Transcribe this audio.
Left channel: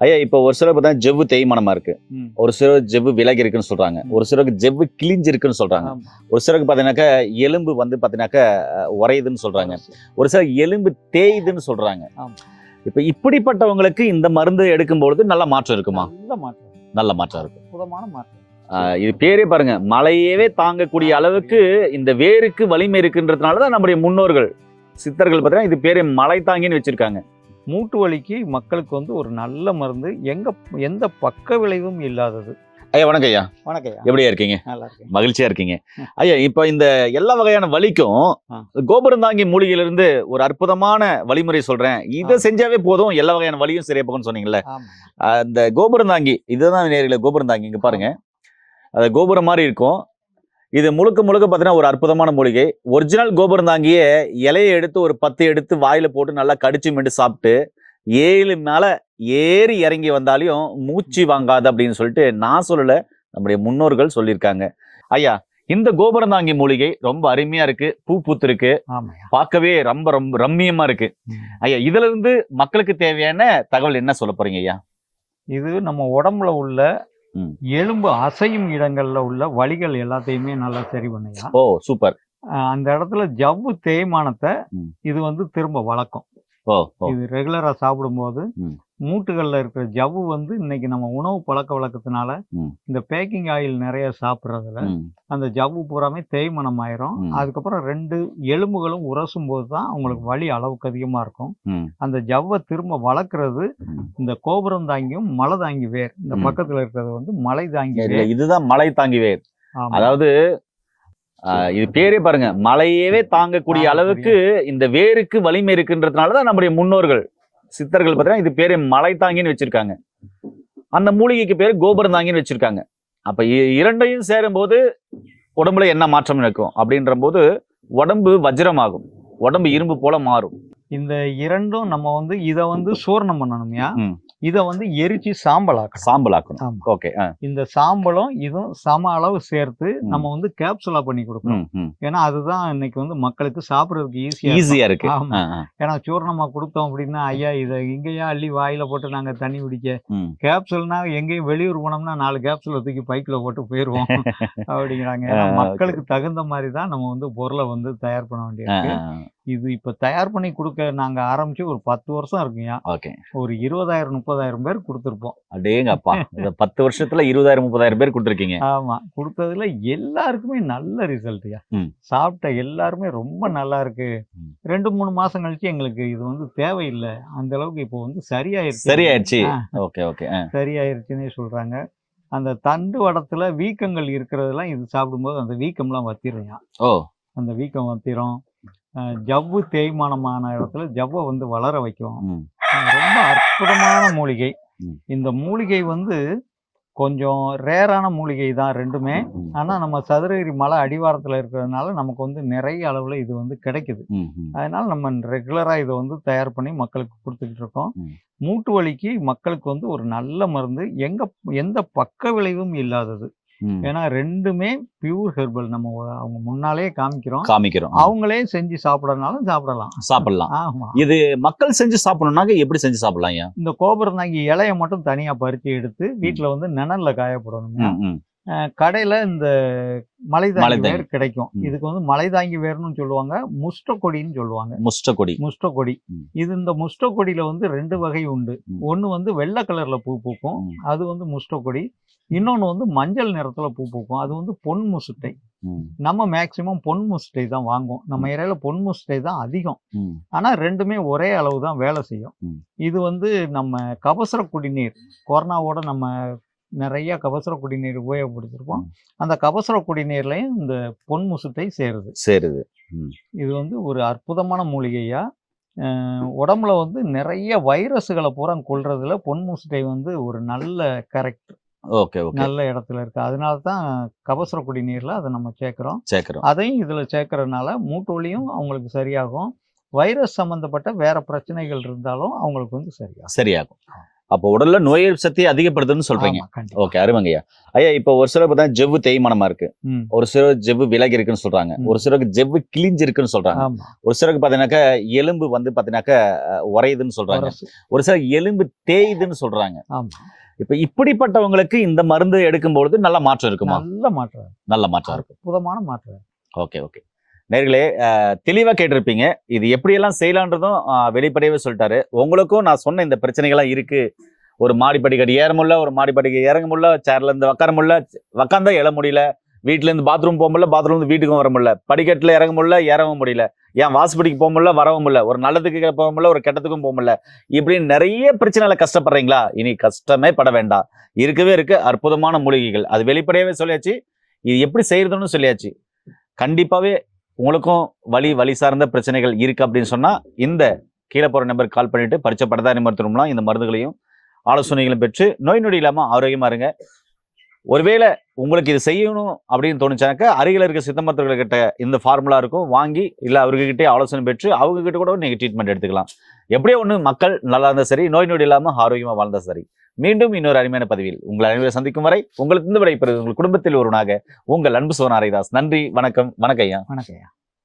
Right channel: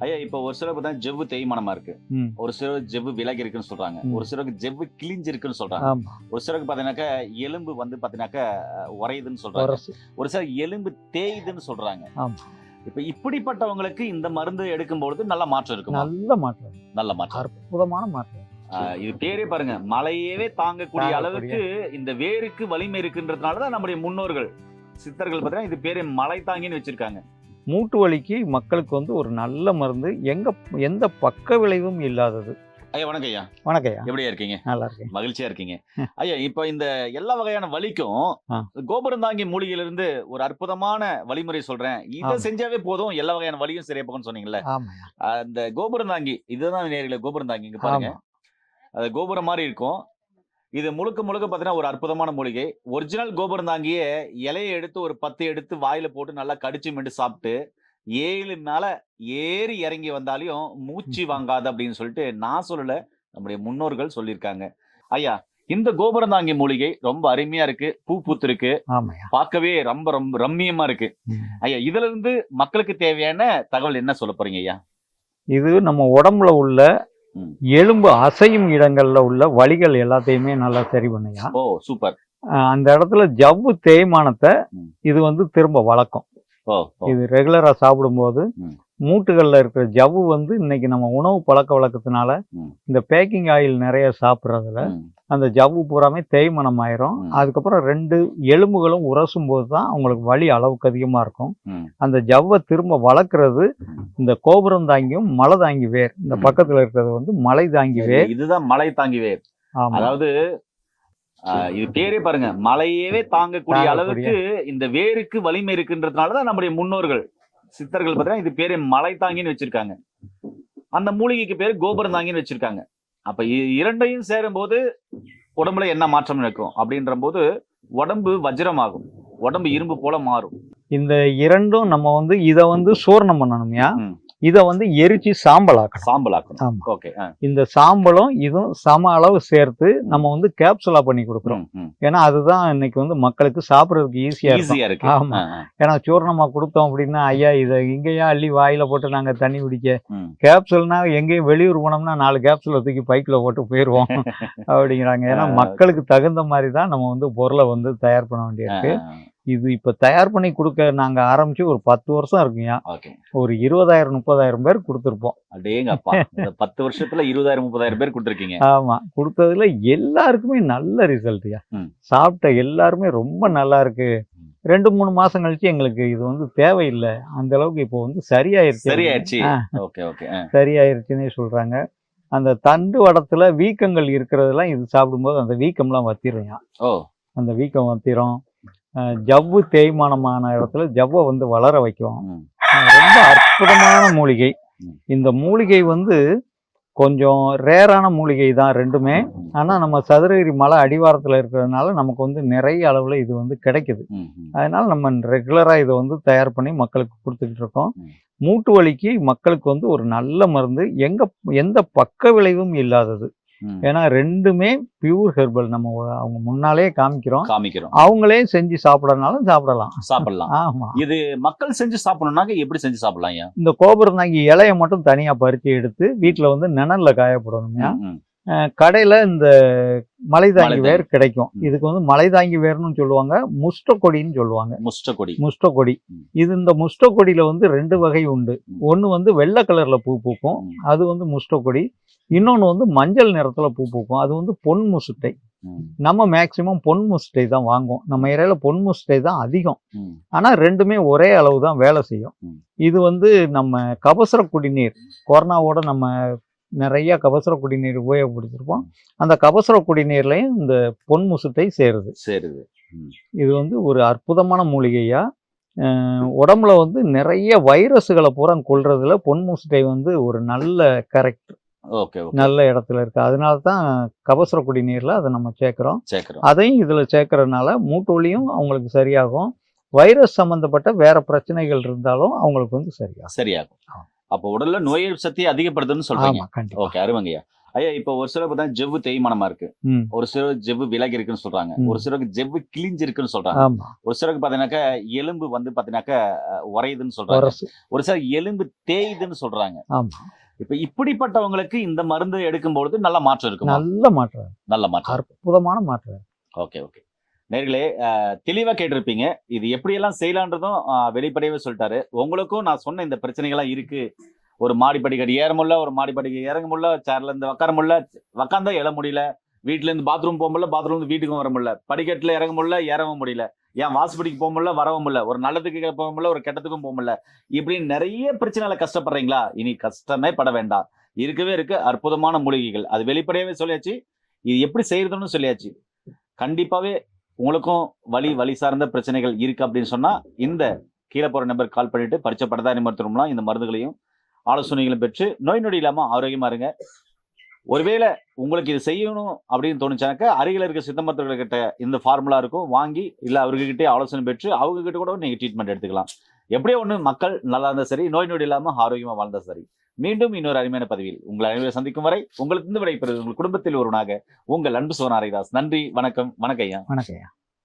ஐயா இப்போ ஒரு சிலர் பார்த்தா ஜெவ்வு தேய்மானமா இருக்கு. ஒரு சிலர் ஜெவ்வு விலகி இருக்குன்னு சொல்றாங்க. ஒரு சிலருக்கு ஜெவ்வு கிழிஞ்சிருக்குன்னு சொல்றாங்க. ஒரு சிலருக்கு பாத்தீங்கன்னாக்கா எலும்பு வந்து பாத்தீங்கன்னாக்கா அஹ், உறையுதுன்னு சொல்றாங்க. ஒரு சிலர் எலும்பு தேயுதுன்னு சொல்றாங்க. இப்ப இப்படிப்பட்டவங்களுக்கு இந்த மருந்து எடுக்கும்பொழுது நல்ல மாற்றம் இருக்குமா? நல்ல மாற்றம் நல்ல மாற்றம் இருக்கும் அற்புதமான மாற்றம் ஆஹ், இது பேரே பாருங்க. மலையவே தாங்கக்கூடிய அளவுக்கு இந்த வேருக்கு வலிமை இருக்குன்றதுனாலதான் நம்முடைய முன்னோர்கள் சித்தர்கள் பார்த்தீங்கன்னா இது பேரே மலை தாங்கின்னு வச்சிருக்காங்க. மூட்டு வலிக்கு மக்களுக்கு வந்து ஒரு நல்ல மருந்து. எங்க எந்த பக்க விளைவும் இல்லாதது. ஐயா வணக்கம் ஐயா. வணக்கம் ஐயா. எப்படியா இருக்கீங்க? நல்லா இருக்கேன். மகிழ்ச்சியா இருக்கீங்க. ஐயா இப்ப இந்த எல்லா வகையான வலிக்கும். கோபுரந்தாங்கி மூலிகையில இருந்து ஒரு அற்புதமான வழிமுறை சொல்றேன். இதை. செஞ்சாவே போதும் எல்லா வகையான வலியும் சரியா போகும்னு சொன்னீங்கல்ல. அந்த கோபுரந்தாங்கி இதுதான் நேரில் கோபுரந்தாங்கி இங்க பாருங்க. அது கோபுரம் மாதிரி இருக்கும். இது முழுக்க முழுக்க பார்த்தீங்கன்னா ஒரு அற்புதமான மூலிகை. ஒரிஜினல் கோபுரந்தாங்கியே இலையை எடுத்து ஒரு பத்து எடுத்து வாயில போட்டு நல்லா கடிச்சு மெண்டு சாப்பிட்டு ஏழு மேல ஏறி இறங்கி வந்தாலையும் மூச்சு வாங்காது அப்படின்னு சொல்லிட்டு நான் சொல்லல நம்முடைய முன்னோர்கள் சொல்லியிருக்காங்க. ஐயா இந்த கோபுரந்தாங்கி மூலிகை ரொம்ப அருமையா இருக்கு பூ பூத்திருக்கு. பார்க்கவே ரொம்ப ரொம்ப ரம்மியமா இருக்கு. ஐயா இதுல இருந்து மக்களுக்கு தேவையான தகவல் என்ன சொல்ல போறீங்க ஐயா? இது நம்ம உடம்புல உள்ள. எலும்பு அசையும் இடங்கள்ல உள்ள வலிகள் எல்லாத்தையுமே நல்லா சரி பண்ணுயா ஓ சூப்பர் அந்த இடத்துல ஜவ்வு தேய்மானத்தை. இது வந்து திரும்ப வளர்க்கும். இது ரெகுலரா சாப்பிடும்போது. மூட்டுகள்ல இருக்கிற ஜவ்வு வந்து இன்னைக்கு நம்ம உணவு பழக்க வழக்கத்தினால. இந்த பேக்கிங் ஆயில் நிறைய சாப்பிட்றதுல. அந்த ஜவ்வு பூராமே தேய்மானம் ஆயிரும். அதுக்கப்புறம் ரெண்டு எலும்புகளும் உரசும் போது தான் அவங்களுக்கு வலி அளவுக்கு அதிகமா இருக்கும். அந்த ஜவ்வை திரும்ப வளர்க்கறது. இந்த கோபுரம் தாங்கியும் மலை தாங்கி வேர் இந்த. பக்கத்துல இருக்கிறது வந்து மலை தாங்கி வேர் இதுதான் மலை தாங்கி வேர் அதாவது இது பேரே பாருங்க மலையவே தாங்கக்கூடிய தாங்கக்கூடிய. அளவுக்கு இந்த வேருக்கு வலிமை இருக்குன்றதுனாலதான் நம்முடைய முன்னோர்கள் சித்தர்கள் பார்த்தீங்கன்னா இது பேரு மலை தாங்கின்னு வச்சிருக்காங்க. அந்த மூலிகைக்கு பேரு கோபுரம் தாங்கின்னு வச்சிருக்காங்க. அப்ப இ- இரண்டையும் சேரும்போது உடம்புல என்ன மாற்றம் இருக்கும் அப்படின்ற போது உடம்பு வஜ்ரமாகும். உடம்பு இரும்பு போல மாறும். இந்த இரண்டும் நம்ம வந்து இதை வந்து சூர்ணம் பண்ணணும்யா. இதை வந்து எரிச்சு சாம்பல் ஆக்கணும் சாம்பல் ஆக்கணும் ஆமா. ஓகே இந்த சாம்பலும் இதுவும் சம அளவு சேர்த்து நம்ம வந்து கேப்சுலா பண்ணி கொடுக்குறோம். ஏன்னா அதுதான் இன்னைக்கு வந்து மக்களுக்கு சாப்பிடுறதுக்கு ஈஸியா ஈஸியா இருக்கு. ஆமா. ஏன்னா சூர்ணமா கொடுத்தோம் அப்படின்னா ஐயா இதை இங்கேயா அள்ளி வாயில போட்டு நாங்க தண்ணி குடிக்க. கேப்சூல்னா எங்கேயும் வெளியூர் போனோம்னா நாலு கேப்சூலை தூக்கி பைக்கில் போட்டு போயிடுவோம் அப்படிங்கிறாங்க. ஏன்னா மக்களுக்கு தகுந்த மாதிரி தான் நம்ம வந்து பொருளை வந்து தயார் பண்ண வேண்டியிருக்கு. இது இப்போ தயார் பண்ணி கொடுக்க நாங்கள் ஆரம்பிச்சு ஒரு பத்து வருஷம் இருக்குங்க. ஓகே. ஒரு இருபதாயிரம் முப்பதாயிரம் பேர் கொடுத்துருப்போம். இந்த பத்து வருஷத்துல இருபதாயிரம் முப்பதாயிரம் பேர் கொடுத்துருக்கீங்க. ஆமா. கொடுத்ததுல எல்லாருக்குமே நல்ல ரிசல்ட்யா. சாப்பிட்ட எல்லாருமே ரொம்ப நல்லா இருக்கு. ரெண்டு மூணு மாசம் கழிச்சு எங்களுக்கு இது வந்து தேவையில்லை. அந்த அளவுக்கு இப்போ வந்து சரியாயிருச்சு. சரியாயிடுச்சு ஆ. Okay okay. சரியாயிருச்சுன்னே சொல்றாங்க. அந்த தண்டு வடத்துல வீக்கங்கள் இருக்கிறதெல்லாம் இது சாப்பிடும்போது அந்த வீக்கம்லாம் வத்திரும் அந்த வீக்கம் வத்திரும். ஜவ்வு தேய்மானமான இடத்துல ஜவ்வை வந்து வளர வைக்கும் ரொம்ப அற்புதமான மூலிகை. இந்த மூலிகை வந்து கொஞ்சம் ரேரான மூலிகை தான் ரெண்டுமே ஆனால் நம்ம சதுரகிரி மலை அடிவாரத்தில் இருக்கிறதுனால நமக்கு வந்து நிறைய அளவில் இது வந்து கிடைக்குது. அதனால நம்ம ரெகுலராக இதை வந்து தயார் பண்ணி மக்களுக்கு கொடுத்துக்கிட்டு இருக்கோம். மூட்டு வலிக்கு மக்களுக்கு வந்து ஒரு நல்ல மருந்து எங்க எந்த பக்க விளைவும் இல்லாதது. ஏன்னா ரெண்டுமே பியூர் ஹெர்பல் நம்ம அவங்க முன்னாலே காமிக்கிறோம். காமிக்கிறோம். அவங்களே செஞ்சு சாப்பிடறதுனாலும் சாப்பிடலாம். சாப்பிடலாம். ஆமா. இது மக்கள் செஞ்சு சாப்பிடணும்னாக்க எப்படி செஞ்சு சாப்பிடலாம் இந்த கோபுரந்தாங்கி இலைய மட்டும் தனியா பறிச்சு எடுத்து வீட்டுல வந்து ம். அஹ் கடையில இந்த மலைதாங்கி. வேர் கிடைக்கும். இதுக்கு வந்து மலைதாங்கி வேர்னு சொல்லுவாங்க. முஷ்டக்கொடின்னு சொல்லுவாங்க. முஷ்ட கொடி முஷ்டக்கொடி. ம். இது இந்த முஷ்டக்கொடியில வந்து ரெண்டு வகை உண்டு. ம். ஒன்னு வந்து வெள்ளை கலர்ல பூ பூக்கும். அது வந்து முஷ்டக்கொடி. இன்னொன்னு வந்து மஞ்சள் நிறத்துல பூ பூக்கும். அது வந்து பொன் முசுட்டை நம்ம மேக்சிமம் பொன் முசுட்டை தான் வாங்குவோம். நம்ம ஏரியால பொன் முசுட்டை தான் அதிகம். ம். ஆனா ரெண்டுமே ஒரே அளவு தான் வேலை செய்யும். இது வந்து நம்ம கபசுர குடிநீர். கொரோனாவோட நம்ம நிறைய கபசுர குடிநீர் உபயோகப்படுத்திருப்போம். அந்த கபசுர குடிநீர்லையும் இந்த பொன் முசுட்டை சேருது. சரிது. இது வந்து ஒரு அற்புதமான மூலிகையா. அஹ் உடம்புல வந்து நிறைய வைரஸுகளை பூரா கொல்றதுல பொன் முசுட்டை வந்து ஒரு நல்ல கரெக்ட் ஓகே நல்ல இடத்துல இருக்கு. அதனால தான் கபசுர குடிநீர்ல அதை நம்ம சேர்க்குறோம். சேர்க்கிறோம். அதையும் இதுல சேர்க்கறதுனால மூட்டு வலியும் அவங்களுக்கு சரியாகும். வைரஸ் சம்பந்தப்பட்ட வேற பிரச்சனைகள் இருந்தாலும் அவங்களுக்கு வந்து சரியாகும். சரியாகும். அப்போ உடல்ல நோய் எதிர்ப்பு சக்தியை அதிகப்படுத்துன்னு சொல்றீங்க. ஓகே அருமைங்கய்யா. ஐயா இப்போ ஒரு சிலர் பார்த்தா ஜெவ்வு தேய்மானமா இருக்கு. ஒரு சிலர் ஜெவ்வு விலகி இருக்குன்னு சொல்றாங்க. ஒரு சிலருக்கு ஜெவ்வு கிழிஞ்சு இருக்குன்னு சொல்றாங்க ஒரு சிலருக்கு பாத்தீங்கன்னாக்கா எலும்பு வந்து பாத்தீங்கன்னாக்கா அஹ், உறையுதுன்னு சொல்றாங்க. ஒரு சிலர் எலும்பு தேயுதுன்னு சொல்றாங்க. இப்ப இப்படிப்பட்டவங்களுக்கு இந்த மருந்து எடுக்கும் பொழுது நல்ல மாற்றம் இருக்குமா? நல்ல மாற்றம். நல்ல மாற்றம். அற்புதமான மாற்றம். ஓகே ஓகே நேர்களே தெளிவாக கேட்டிருப்பீங்க. இது எப்படியெல்லாம் செய்யலான்றதும் வெளிப்படையவே சொல்லிட்டாரு. உங்களுக்கும் நான் சொன்ன இந்த பிரச்சனைகள்லாம் இருக்கு. ஒரு மாடி படிக்கடி ஏற முடியல ஒரு மாடி படிக்கடி இறங்க முடியல சேர்ல இருந்து உட்கார முடியல உட்காந்தா எழ முடியல வீட்டுல இருந்து பாத்ரூம் போக முடியல பாத்ரூம் இருந்து வீட்டுக்கும் வர முடியல படிக்கட்டுல இறங்க முடியல ஏறவும் முடியல ஏன் வாசப்படிக்கு போக முடியல வரவும் முடியல ஒரு நல்லதுக்கு போக முடியல ஒரு கெட்டத்துக்கும் போக முடியல இப்படி நிறைய பிரச்சனைகளை கஷ்டப்படுறீங்களா? இனி கஷ்டமே பட வேண்டாம். இருக்கவே இருக்கு அற்புதமான மூலிகைகள். அது வெளிப்படையவே சொல்லியாச்சு. இது எப்படி செய்யறதுன்னு சொல்லியாச்சு. கண்டிப்பாவே உங்களுக்கும் வலி வலி சார்ந்த பிரச்சனைகள் இருக்கு அப்படின்னு சொன்னா இந்த கீழே போற நம்பருக்கு கால் பண்ணிட்டு பரிச்சை படதாரி மருத்துவம்லாம் இந்த மருந்துகளையும் ஆலோசனைகளும் பெற்று நோய் நொடி இல்லாமல் ஆரோக்கியமா இருங்க. ஒருவேளை உங்களுக்கு இது செய்யணும் அப்படின்னு தோணுச்சாக்க அருகில் இருக்க சித்த மருத்துவர்கிட்ட இந்த ஃபார்முலா இருக்கும். வாங்கி இல்லை அவர்கிட்டே ஆலோசனை பெற்று அவங்க கிட்ட கூட நீங்க ட்ரீட்மெண்ட் எடுத்துக்கலாம். எப்படியோ ஒண்ணு மக்கள் நல்லா இருந்தால் சரி நோய் நொடி இல்லாமல் ஆரோக்கியமா வாழ்ந்தா சரி. மீண்டும் இன்னொரு அருமையான பதிவில் உங்கள் அனைவரை சந்திக்கும் வரை உங்களுக்கு இருந்து விடைபெறுவது உங்கள் குடும்பத்தில் ஒருவனாக உங்கள் அன்பு சோனாரிதாஸ் நன்றி வணக்கம் வணக்கம் ஐயா. வணக்கம்